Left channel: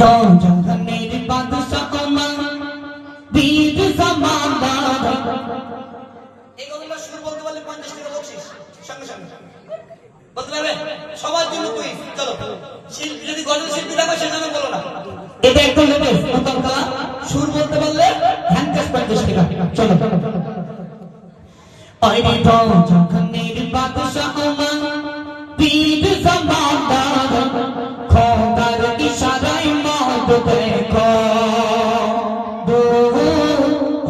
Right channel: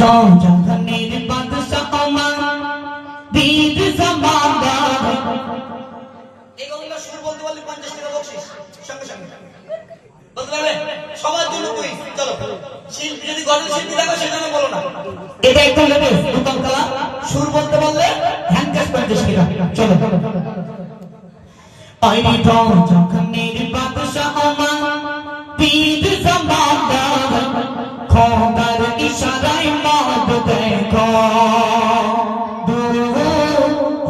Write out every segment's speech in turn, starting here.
দাও জাহানের বাদশা আমার বীর জামাদার। এগুলো সুর বলতে পারলে 50 টাকা বকশিশ সঙ্গে সঙ্গে বলতে পারবে সবার জন্য কুইজ। চলো শিল্পী যদি গজল শিল্পী থাকো সেখানে বলো না, এটা একটু নেবে উত্তম কলা। সুর বলতে পারলে হ্যান্ড ক্যাশ 50 টাকা। চলো আরে দাও জাহানের বাদশা আমার বীর জামাদার, খোদার ইশারায় মত দেখো দূর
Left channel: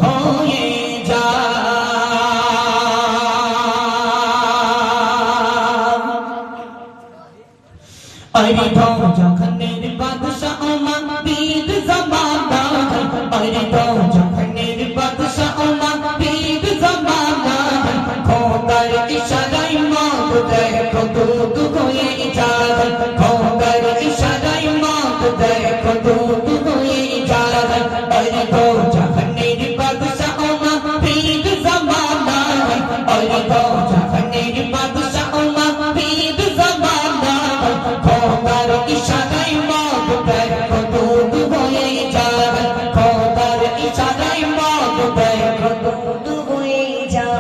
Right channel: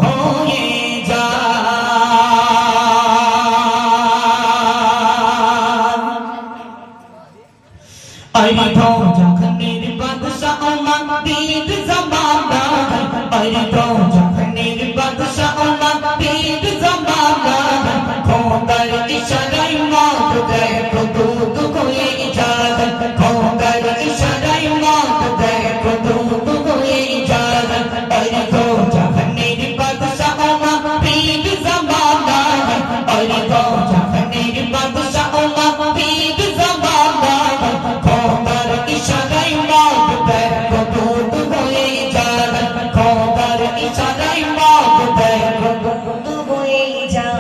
হয়ে যায়। আরে দাও জাহানের বাদশা আমার বীর জামাদার, আরে দাও জাহানের বাদশা আমার বীর জামাদার, খোদার ইশারায় মত দেখো দূর হয়ে যায়। খোদার ইশারায় মত দেখো দূর হয়ে যায়। আরে দাও জাহানের বাদশা আমার বীর জামাদার, আরে দাও জাহানের বাদশা আমার বীর জামাদার, খোদার ইশারায় মত দেখো দূর হয়ে যায়। খোদার ইশারায় মত দেখো দূর হয়ে যায়।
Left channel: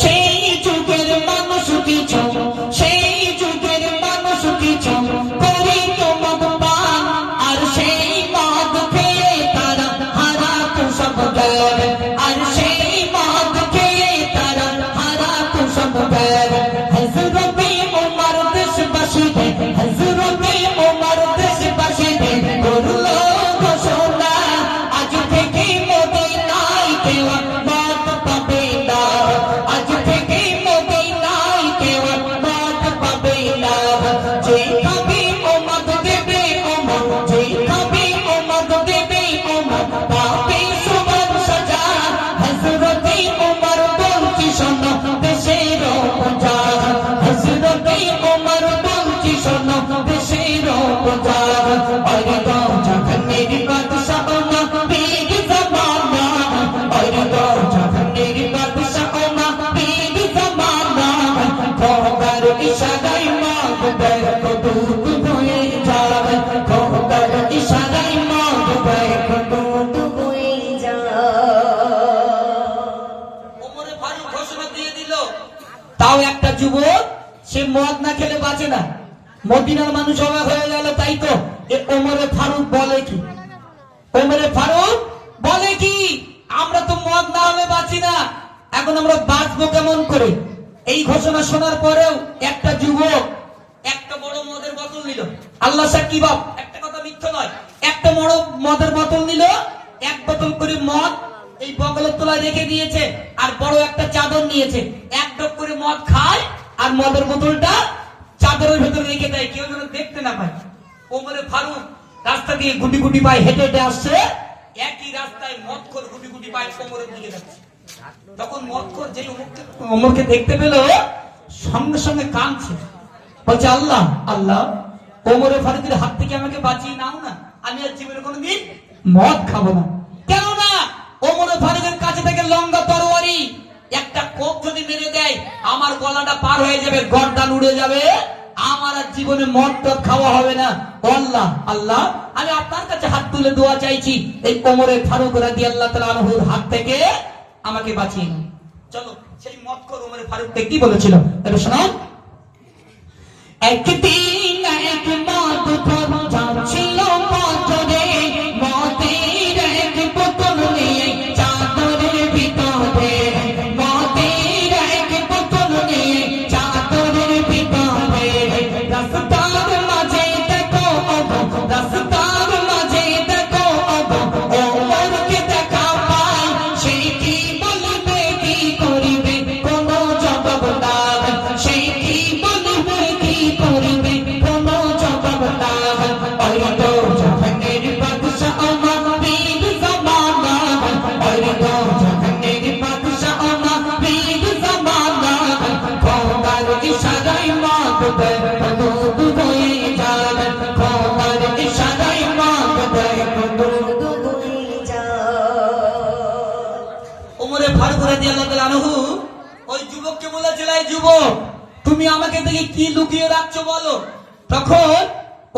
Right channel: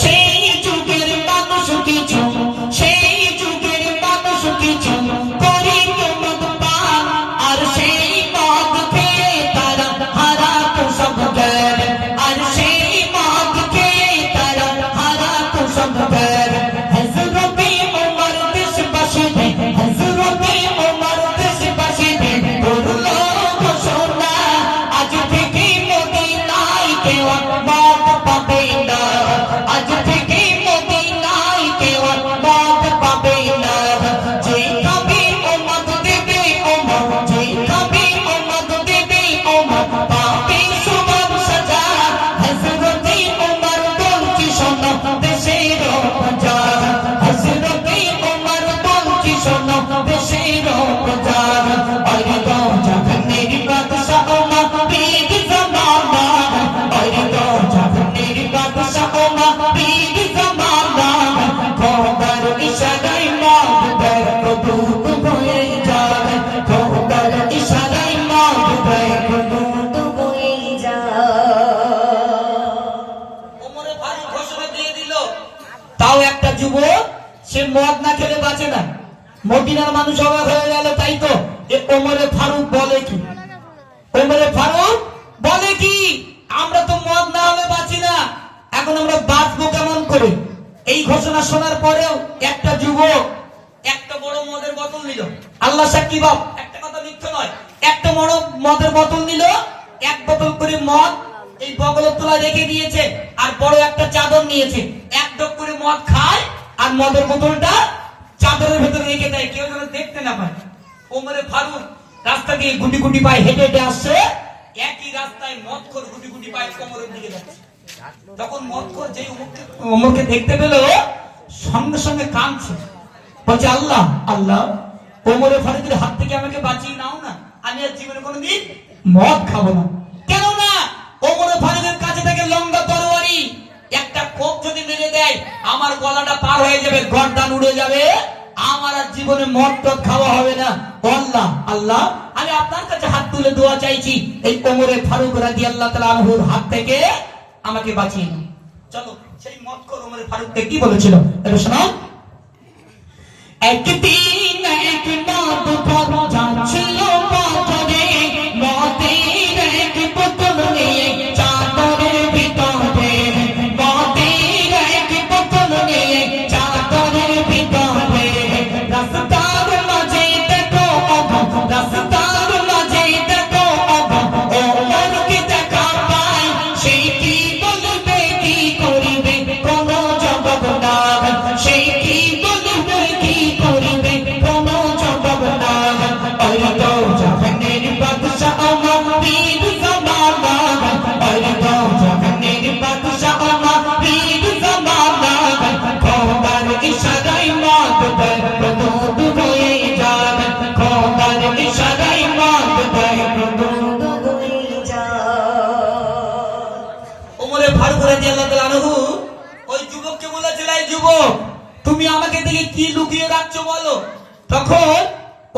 সেই যুগের মানুষ কিছু, সেই যুগের মানুষ কিছু করিত মদ পান, আর সেই মদ খেয়ে তারা হারাতো সব জ্ঞান। আর সেই মদ খেয়ে তারা হারাতো সব জ্ঞান। হযরতে ওমর দেশবাসীতে, হযরতে ওমর দেশবাসীতে করলো ঘোষণা, আজ থেকে মদিনায় কেউ আর মদ পাবে না। আজ থেকে মদিনায় কেউ আর মদ পাবে না। যে খাবে ও মদ দেবে ওমর, যে খাবে ও মদ দেবে ওমর, পাবে সমান সাজা। হযরতে ওমর বলছি শোনো দেশের প্রজা, হযরতে ওমর বলছি শোনো দেশের প্রজা। আরে দাও জাহানের বাদশা আমার বীর জামাদার, আরে দাও জাহানের বাদশা আমার বীর জামাদার, খোদার ইশারায় মত দেখো দূর হয়ে যায়। খোদার ইশারায় মত দেখো দূর হয়ে যায়। ওমরে ফারুক ঘোষণা দিয়ে দিল। তাও একটা যুবক সে মদ না খেলে বাঁচে না। মদিনার মানুষ অবাক হয়ে গেল, তাই তো যে ওমরে ফারুক বলে কি, ওমরে ফারুক বলে কি, আমরা তো মদ না হলে বাঁচি না, এখন আমরা বাঁচবো কেমন করে? এই ঘোষণা শোনার পরেও একটা যুবক একটা বড় মদের বোতল নিল। আল্লাহ সাক্ষী বাপ, একটা কথা মিথ্যে নয়। একটা বড় মদের বোতল নিল, এক বোতল করে মদ এই বগলের তলায় রেখে দিয়েছে, আর বড় একটা চাদর নিয়েছে, এক ঢোক করে মদ খায় আর মদের বোতলটা চাদরের ভেতরে রেখে দেয়, কেউ যেন দেখতে না পায়। ওমরে ফারুক রাস্তা দিয়ে গুটি গুটি পায়ে হেঁটে হেঁটে আসছে, একই রাস্তায় মদখোর গুটি গুটি পায় ওমরের দিকে যাচ্ছে। তখন মদখোর যেই ওমরকে দেখতে পেল সঙ্গে সঙ্গে কাঁদছে, বলছে আল্লাহ আল্লাহ, ওমরে ফারুকের হাত থেকে আমাকে বাঁচিয়ে নাও না, আমি আর জীবনে কোনোদিন মদ খাবো না। কেননা ওমরে ফারুকের কাছে থেকে লম্বা তরবারি, একটা কোপ যদি মেরে দেয় আমার গলাটা পার হয়ে যাবে, গর্দান উড়ে যাবে, আমার আর জীবনে মদ টদ খাওয়া হবে না। আল্লাহ আল্লাহ, আমি আপনার কাছে হাত তুলে দোয়া চাইছি, এই ওমরে ফারুক রাদিয়াল্লাহু তাআলা আনহুর হাত থেকে আমাকে বাঁচিয়ে নাও। চলো সেই মদখোর ওমরে ফারুক কি বলেছিল এটা শোনো। একদিন এক মদ খোর যাচ্ছিল পথে, মদের এক বোতল নিয়ে চাদরের ভিতরে, মদের এক বোতল নিয়ে চাদরের ভিতরে। রাস্তার মাঝে দেখো অবাক, রাস্তার মাঝে দেখো অবাক, ওমরকে দেখা পাই, সেই কি বলবে কি করিবে কোনো জবাব নাই, সেই কি বলবে কি করিবে কোনো জবাব নাই। আরে দাও জাহানের বাদশা আমার বীর জামাদার, আরে দাও জাহানের বাদশা আমার বীর জামাদার, খোদার ইশারায় মত দেখো দূর হয়ে যায়। খোদার ইশারায় মত দেখো দূর হয়ে যায়। ওমরে ফারুক রাদিয়াল্লাহু তাআলা আনহু ওই যুবককে বলেছিল, এই যুবক তুমি আমাকে দেখে কি লুকিয়ে রাখছো বলো। তখন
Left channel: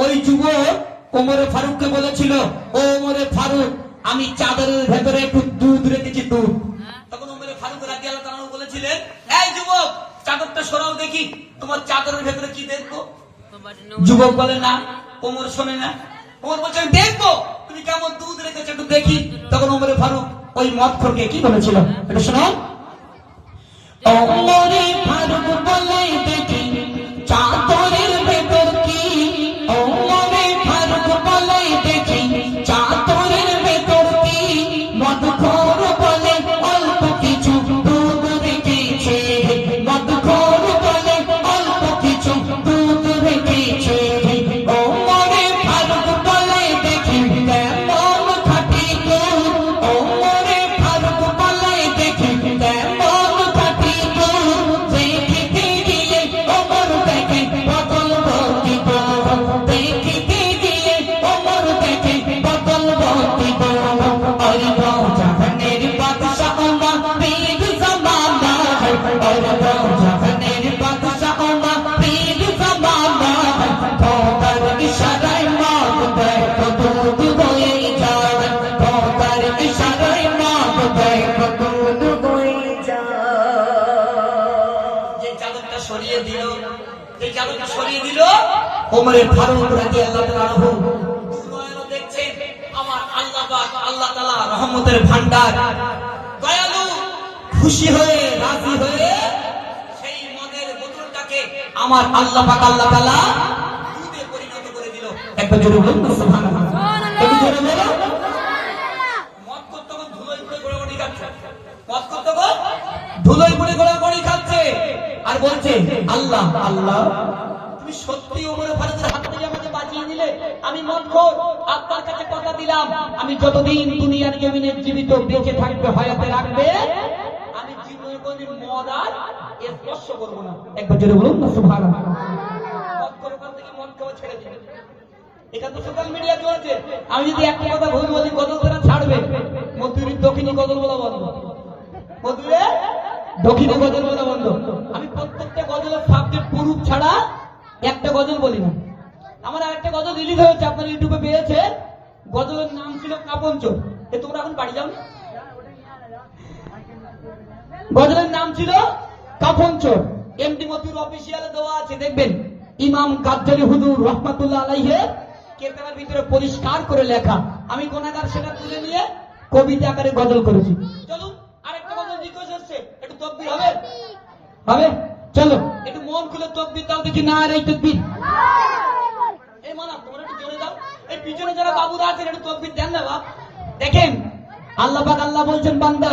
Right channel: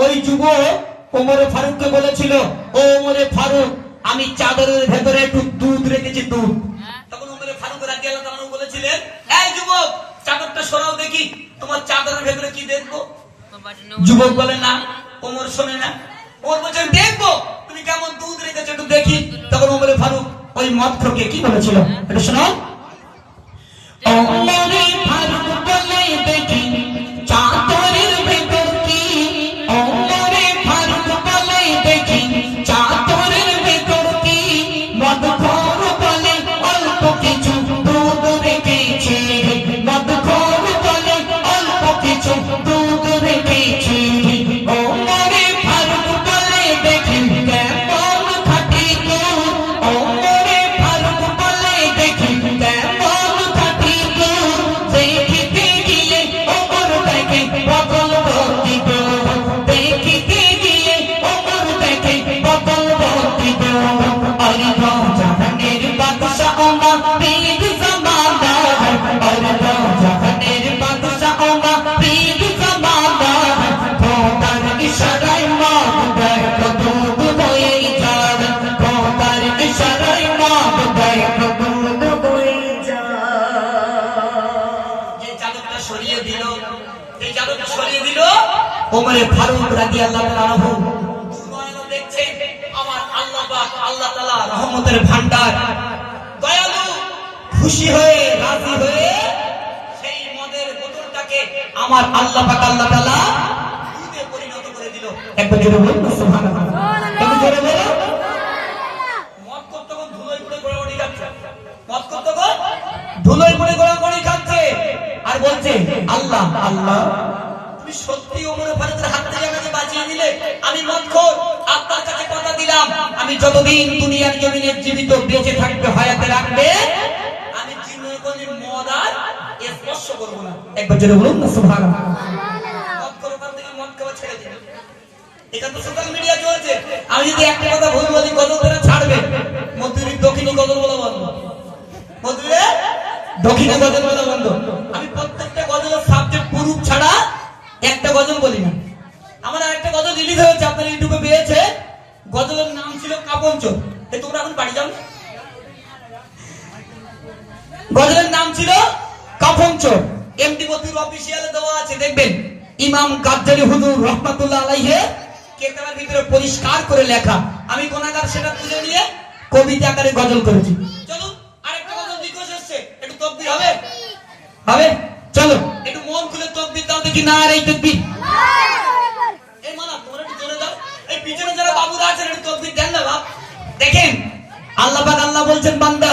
ওই যুবক ওমরে ফারুককে বলেছিল, ও ওমরে ফারুক, আমি চাদরের ভেতরে একটু দুধ রেখেছি, দুধ। তখন ওমরে ফারুক রাদিয়াল্লাহু তাআলা বলেছিলেন, এই যুবক, চাদরটা সরাও দেখি, তোমার চাদরের ভেতরে কি দেখবো? যুবক বলে না। ওমর শোনে না। ওমর বলছেন, দেখবো তুমি কেমন দুধ রেখেছো, একটু দেখি। তখন ওমরে ফারুক ওই মদখোরকে কি বলেছিল, এটা শোনো। ওমরে ফারুক বলে, দেখি চাদরের ভেতর কি। ওমরে ফারুক বলে, দেখি চাদরের ভেতর কি। মদখোর বলে, অল্প কিছু দুধ রেখেছে। মদখোর বলে, অল্প কিছু দুধ রেখেছে। ওমরে ফারুক বলে, দেখি কেমন খাঁটি দুধ। ওমরে ফারুক বলে, দেখি কেমন খাঁটি দুধ। দেখিতে গিয়ে ওমর দেখে বোতল ভর্তি দুধ। দেখিতে গিয়ে ওমর দেখে বোতল ভর্তি দুধ। আর জাহানের বাদশা ওমর পীর জামানা। আর জাহানের বাদশা ওমর পীর জামানা। খোদার ইশারায় মদ দেখো দুধ হয়ে যায়। খোদার ইশারায় মদ দেখো দুধ হয়ে যায়। যে চাদরটা সরিয়ে দিল, এই চাদরটা সরিয়ে দিল, ওমরে ফারুক রাদিয়াল্লাহু তাআলা আনহু দুর্বল দেখছে আমার আল্লাহ পাক, আল্লাহ তাআলা রহমতের ভান্ডার, দয়ালু, খুশি হয়ে রাজি হয়ে সেই মদের বোতলটাকে আমার আল্লাহ পাক, আল্লাহ তাআলা দুধে পরিণত করে দিল। একবার জোরে বলুন না সুবহানাল্লাহ। একটু জোরে বলুন। মদ করতে গো ধুলোয় পড়ে গড়াগড়ি খাচ্ছে। মদ করতে গো ধুলোয় পড়ে গড়াগড়ি খাচ্ছে আর বলছে, আল্লাহ আল্লাহ, তুমি সত্যি ওমরে ফারুকের হাত থেকে আমাকে বাঁচিয়ে দিলে। আমি মদখোর, আপনার কাছে কথা দিলাম, আমি যতদিন দুনিয়ার জমিনে জীবিত বেঁচে থাকবে, হায়াতে রাখবে, আমি জীবনে কোনদিন মদ আর স্পর্শ করবো না। একবার জোরে বলুন না সুবহানাল্লাহ। মদখোর ওখান থেকে মদ খাওয়া ছেড়ে দিল। এটা তো সোশ্যাল মিডিয়া চলছে। আমি যদি একটা কথা ভুল বলি, গজল তারা ছাড়বে। মধুরীর দক্ষিণী গজল বলা বন্ধ, মধুরে দক্ষিণে গজল বলা বন্ধ। আমি প্রত্যেকটা গজলের সাবজেক্ট পুরুষ ছাড়া একটা গজল বলি না। আমার আরেকটা গজল রিলিজ হয়েছে, আপনার ইউটিউবে পেয়েছে। গজলের নাম ছিল কাপঞ্চর। তোমরা এখন বাড়ি যাও না? গজলের নাম ছিল কাফনচোর। এমডি মতিউর অফিসিয়ালে দেওয়া আছে, দেখবেন ইমাম কাজ্জালি হুজুর রাহমাতুল্লাহ আলাইহি কেতাবের ভিতরে পরিষ্কার করে লেখা। আমি গুনাহগার সেটা তুলে নিয়ে কবিতা আকারে গজল করেছি। চলুন আরেকটা গজল রিকোয়েস্ট এসেছে, একটু তাকবীর হবে? হবে, চলো একটু মন খুলে তাকবীর দাও দেখি। দেখি না আর এই তাকবীর। এই মানা তোমরা একটু জোরে দাও। এই পিছনে যারা বাবুরা আছেন একটু তাকবীর দেন না বাপ। দেখেন আল্লাহ পাক, আল্লাহ বলছেন, বান্দা